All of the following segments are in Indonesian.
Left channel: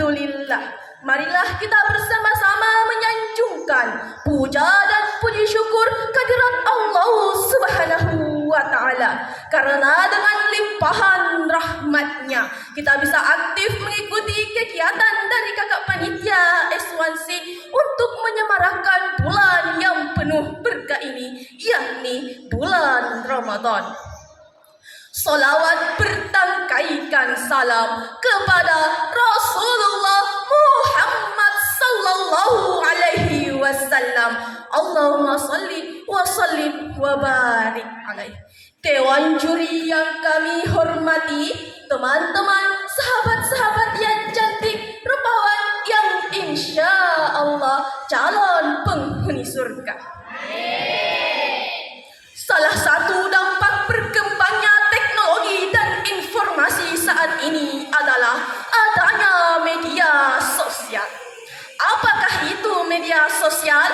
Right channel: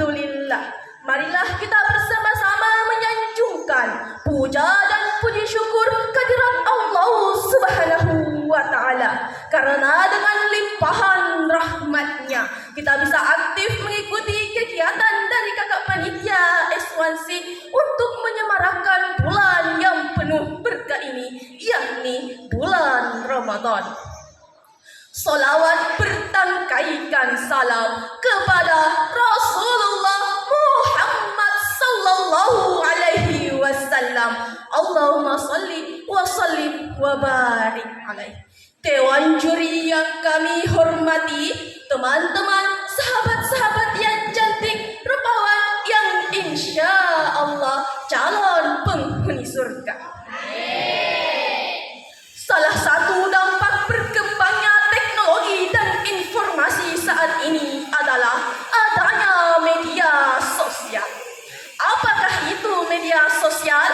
Alhamdulillah, marilah kita bersama-sama menyanjungkan puja dan puji syukur kehadirat Allah Subhanahu wa Ta'ala. Karena dengan limpahan rahmatnya kita bisa aktif mengikuti kegiatan dari kakak panitia S1C untuk menyemarakan bulan yang penuh berkah ini, yakni bulan Ramadan. Salawat bertangkaikan salam kepada Rasulullah Muhammad sallallahu alaihi wasallam. Allahumma salli wa sallim wa barik alaihi. Dewan juri yang kami hormati, teman-teman, sahabat-sahabat yang cantik, rupawan yang insya Allah calon penghuni surga. Salah satu dampak berkembangnya teknologi dan informasi saat ini adalah adanya media sosial. Apakah itu media sosial?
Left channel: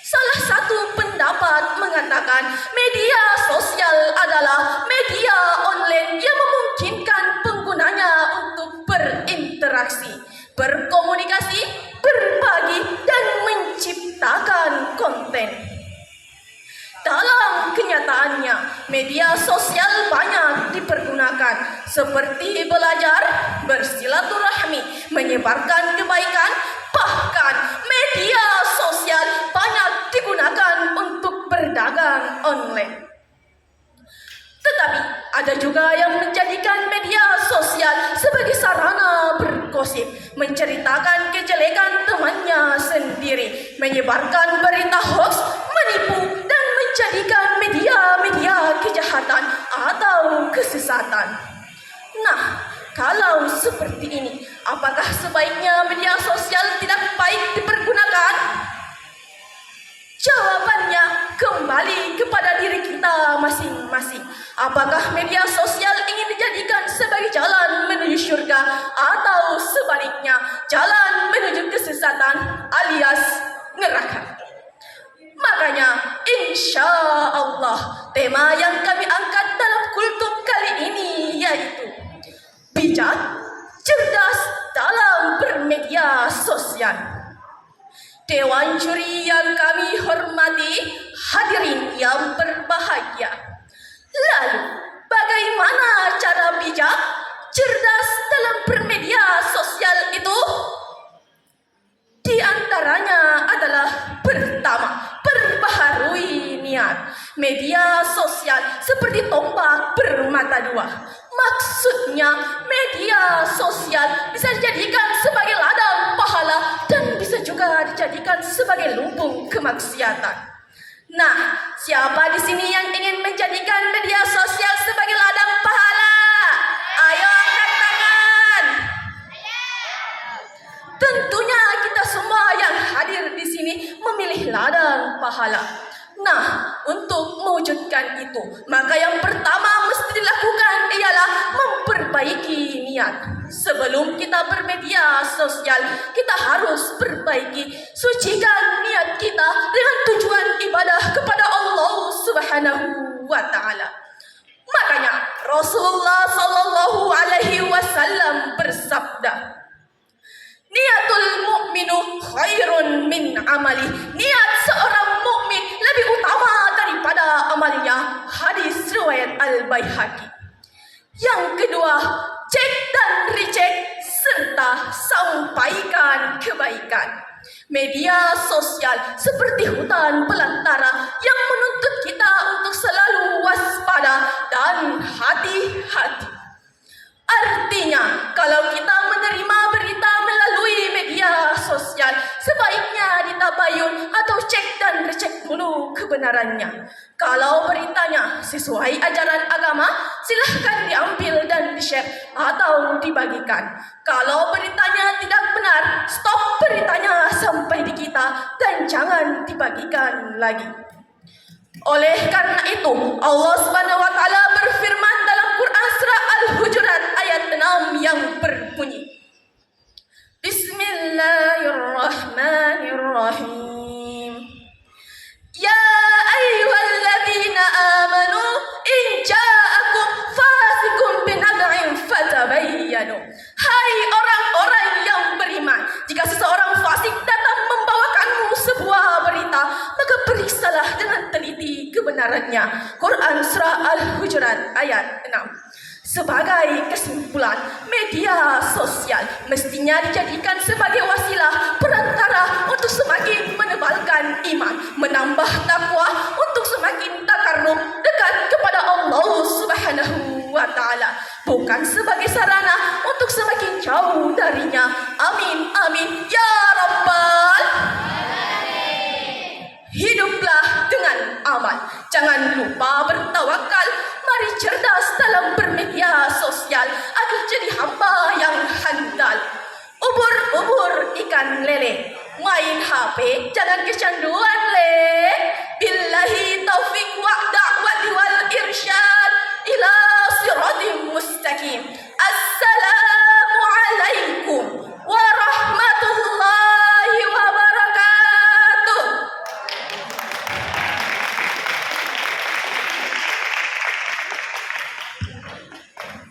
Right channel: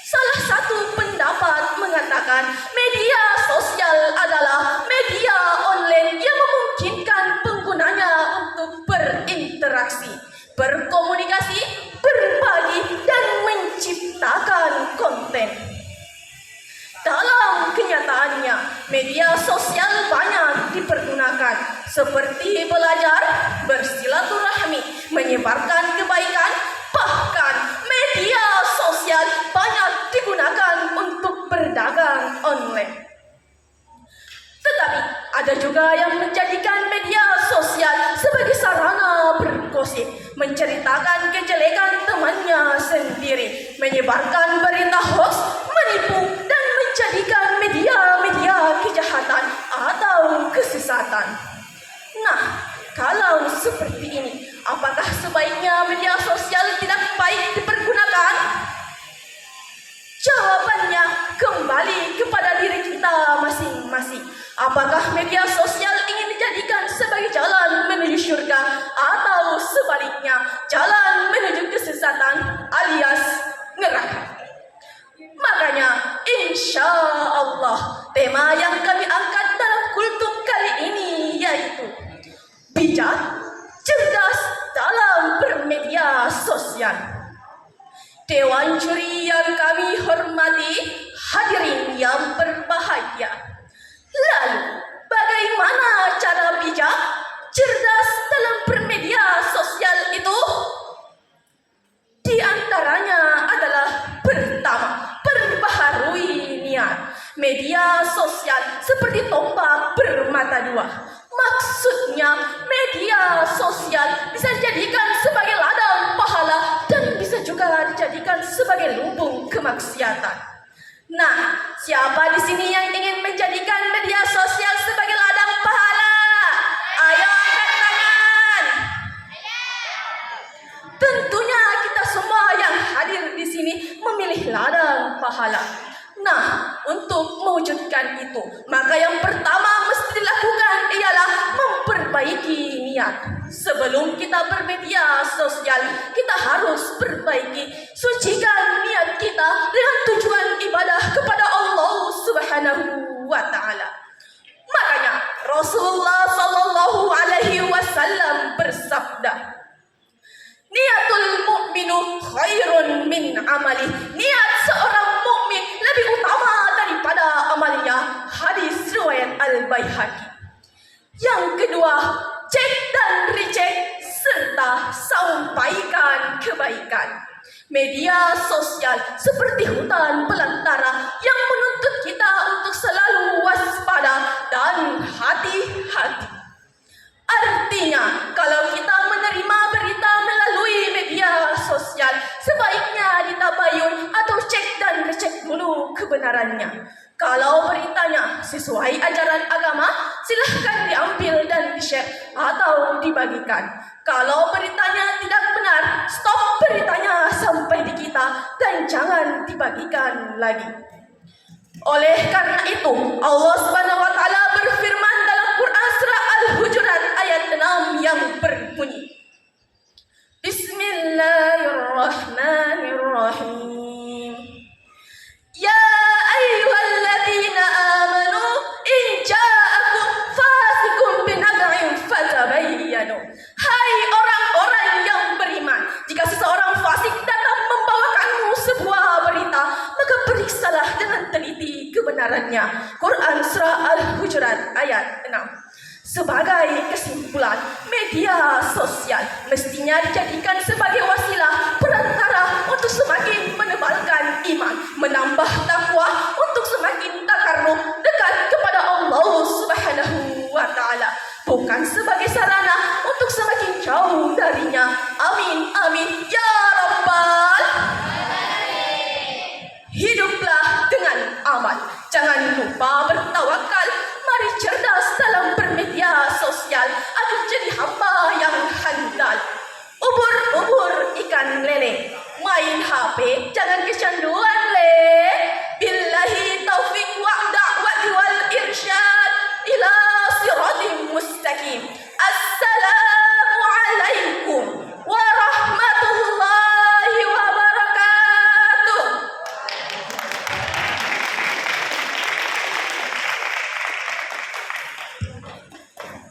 Salah satu pendapat mengatakan media sosial adalah media online yang memungkinkan penggunanya untuk berinteraksi, berkomunikasi, berbagi, dan menciptakan konten. Dalam kenyataannya, media sosial banyak dipergunakan seperti belajar, bersilaturahmi, menyebarkan kebaikan, bahkan media sosial banyak digunakan untuk berdagang online. Tetapi ada juga yang menjadikan media sosial sebagai sarana bergosip, menceritakan kejelekan temannya sendiri, menyebarkan berita hoax, menipu, dan menjadikan media-media kejahatan atau kesesatan. Nah, kalau seperti ini, apakah sebaiknya media sosial tidak baik dipergunakan? Jawabannya kembali kepada diri kita masing-masing. Apakah media sosial ingin dijadikan sebagai jalan menuju surga atau sebaliknya jalan menuju kesesatan alias neraka? Makanya insya Allah tema yang kami angkat dalam kultum kali ini yaitu bijak, cerdas dalam bermedia sosial. Dewan juri yang kami hormati, hadirin yang berbahagia. Lalu, bagaimana cara bijak, cerdas dalam bermedia sosial itu? Di antaranya adalah pertama, perbaharui niat. Media sosial seperti tombak bermata dua. Maksudnya, media sosial bisa dijadikan sebagai ladang pahala dan bisa juga dijadikan sebagai lumbung kemaksiatan. Nah, siapa di sini yang ingin menjadikan media sosial sebagai ladang pahala? Ayo angkat tangan. Tentunya kita semua yang hadir di sini memilih ladang pahala. Nah, untuk mewujudkan itu, maka yang pertama mesti dilakukan ialah memperbaiki niat. Sebelum kita bermedia sosial, kita harus perbaiki, sucikan niat kita dengan tujuan ibadah kepada Allah Subhanahu wa Ta'ala. Makanya Rasulullah sallallahu alaihi wasallam bersabda, niatul mu'minu khairun min amali. Niat seorang mukmin lebih utama daripada amalnya. Hadis riwayat Al-Baihaqi. Yang kedua, cek dan recheck serta sampaikan kebaikan. Media sosial seperti hutan belantara yang menuntut kita untuk selalu waspada dan hati-hati. Artinya, kalau kita menerima berita melalui media sosial, sebaiknya ditabayun atau cek dan recek dulu kebenarannya. Kalau beritanya sesuai ajaran agama, silahkan diambil dan di-share atau dibagikan. Kalau beritanya tidak benar, stop beritanya sampai di kita dan jangan dibagikan lagi. Oleh karena itu, Allah Subhanahu wa Ta'ala berfirman dalam Quran surah Al-Hujurat ayat 6 yang berbunyi, Bismillahirrahmanirrahim. Ya ayyuhalladzina amanu in ja'akum fasiqun binaba'in fatabayyanu. Hai orang-orang yang kebenarannya. Quran Surah Al-Hujurat ayat 6. Sebagai kesimpulan, media sosial mestinya dijadikan sebagai